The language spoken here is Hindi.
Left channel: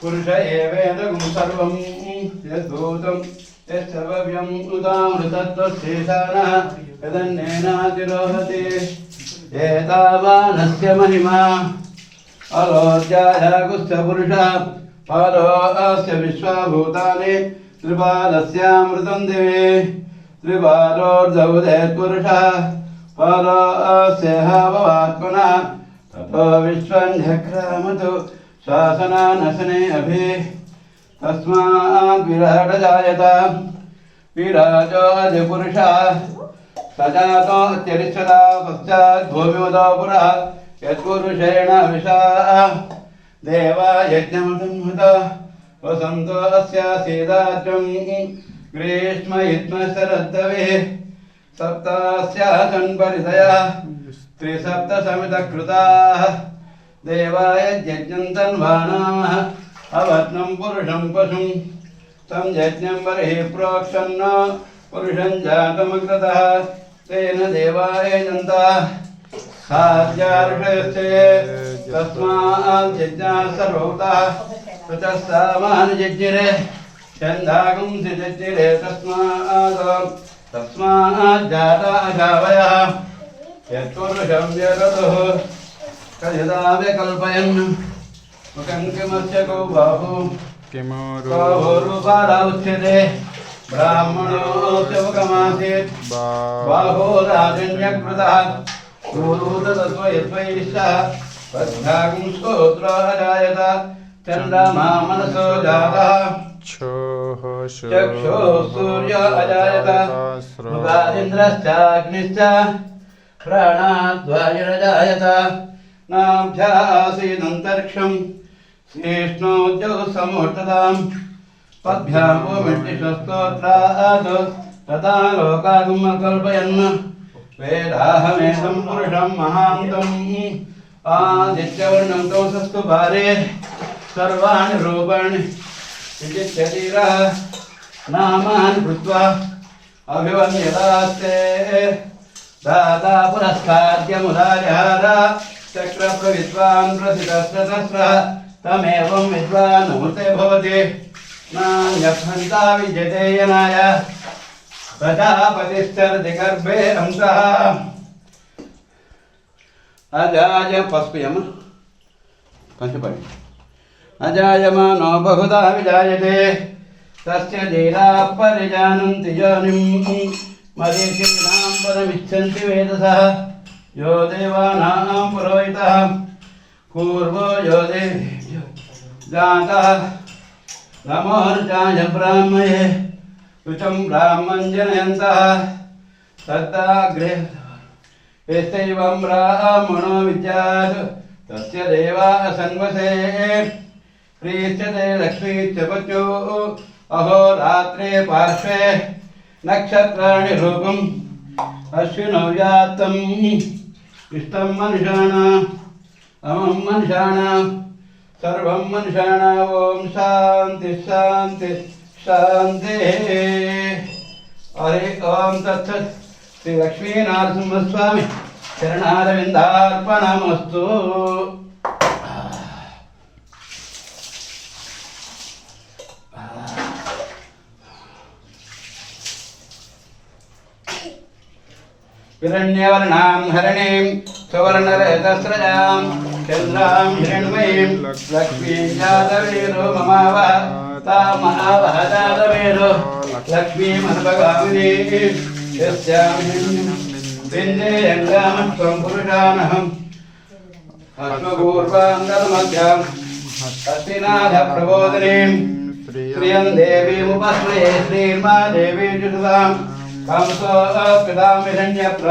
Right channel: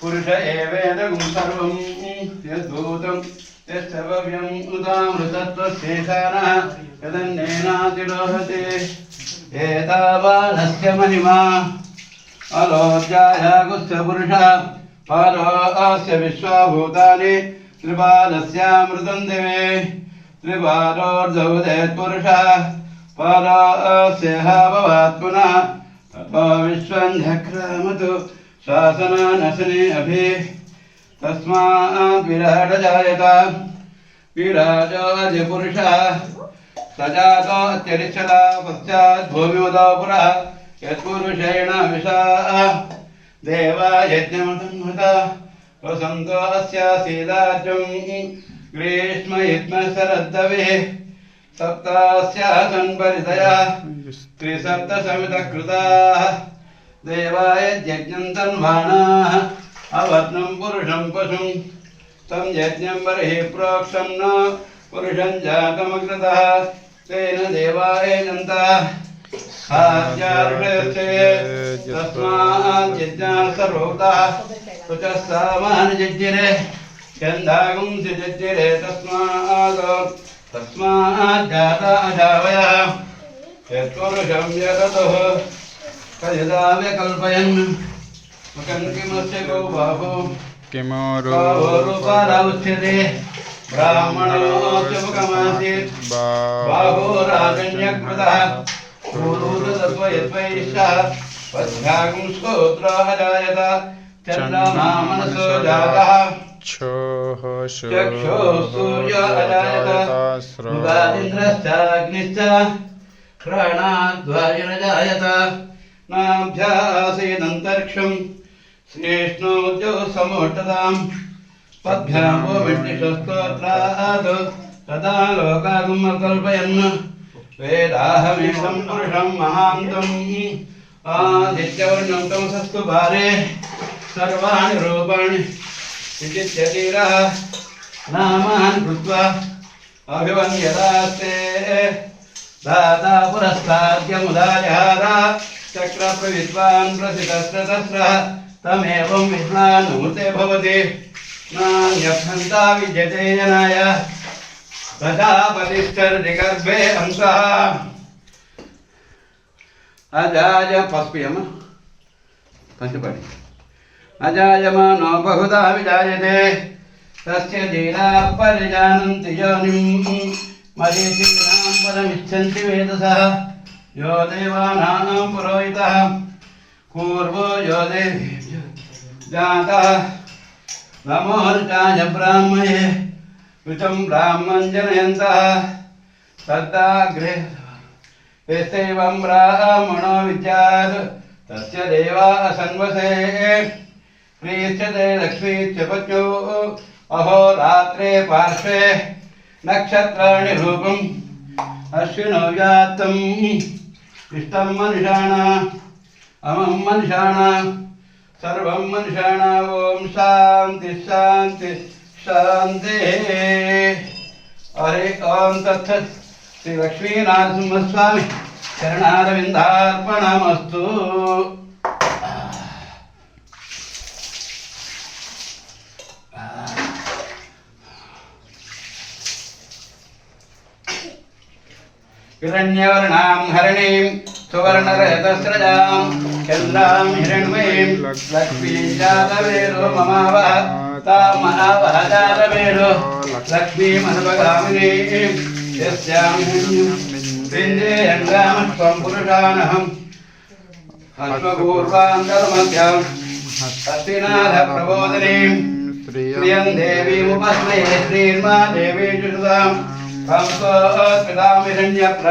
पुरुष एवेदगुं सर्वं यद्भूतं यत्सर्वव्यम् उदामृतत्वशेषानः त्रिबालस्यामृतं दिवे त्रिबालोर्धवुदयत्पुरुषः पारो अस्य ततो शासनानशने अभि। तस्मात् विराडजायत विराजो अधिपुरुषः। स जातो अत्यरिच्छता पश्चात् भूमिवदो पुरः यत्पुरुषेण विशा। देवा यज्ञमसंहत वसन्तो अस्य ग्रीष्म इत्म शरद्दविः सप्तास्यासन् परितया त्रिसप्तसमितकृताः। देवाय यज्ञं तन्वाणाः अवर्णं पुरुषं पशुं। तं यज्ञं बर्हिः प्रोक्षन्न पुरुषं तेन देवाय नन्तः तस्मात् यज्ञान् सर्वभूतः ततः सामानजज्ञिरे छन्दागुं जज्ञिरे तस्मात् तस्मात् जाता अजावयः। यत्पुरुषं जगतः कयदा मुखं किमस्य गो बाहु किमोरु? ब्राह्मणोऽस्य मुखमासीत् बाहो राजन्यकृतः। क्रोधूरदत्व यद्वैश्यः पद्भागं स्तोत्रः चन्द्रमा मनसो जातः। क्षोः चक्षुः सूर्यो अजायत मुखादिन्द्रश्चाग्निश्च। प्राणाद्वायुरजायत नाभ्यासीदन्तरिक्षं श्रेष्णोद्यो समूर्तताम् पद्भ्यां भूमिष्टिशस्तोत्रात् तदा लोकागमकल्पयन् वेदाहमेकं पुरुषं महान्तम्। आदित्यवर्णं कौसस्तु भारे। सर्वाणि रूपाणि विचित्यतीरः नामान् कृत्वा अभिवन्यदास्ते दाता पुरस्ताद्यमुदाजहार चक्रप्रविद्वान् प्रसितस्रतस्रः तमेवं विद्वान् भवति। नान्यभ्यन्ता विद्यते जनाय। प्रजापतिश्चरति गर्भे हंसः अजाय पस्प्यम पञ्चपटि अजायमानो बहुधा विजायते। तस्य धीराः परिजानन्ति योनिं मरीचीनां पदमिच्छन्ति वेदसः। यो देवानां पुरोहितः। पूर्वो यो देवेभ्यो जातः। नमोर्चाय ब्राह्मये ऋचं ब्राह्मं ब्राह्मणो विद्यात्। तस्य देवा असन्वसे। प्रीच्यते लक्ष्मीश्च पत्न्यो अहोरात्रे पार्श्वे नक्षत्राणि रूपम् अश्विनो जातम् इष्टं मनुषाणा अमं मनुषाणा सर्वं मनुषाणा ॐ शान्ति शान्ति शान्तिः हरे ॐ तत्सत् श्री लक्ष्मीनारसिंहस्वामी चरणारविन्दार्पणमस्तु हिरण्यवर्णां हरणीं सुवर्णरहतस्रजां चन्द्रां हिरण्मयीं लक्ष्मीं जातवेरो ममावह तामहावह जातवेरो लक्ष्मीमनुपगामिनीं यस्यां बिन्देयङ्गामत्वं पुरुषानहम् अश्वपूर्वान्तर्मध्याम् हस्तिनाथप्रबोधिनीं श्रियं देवीमुपस्मे श्रीर्मा देवी जुषतां कंसो पितामिरण्यप्र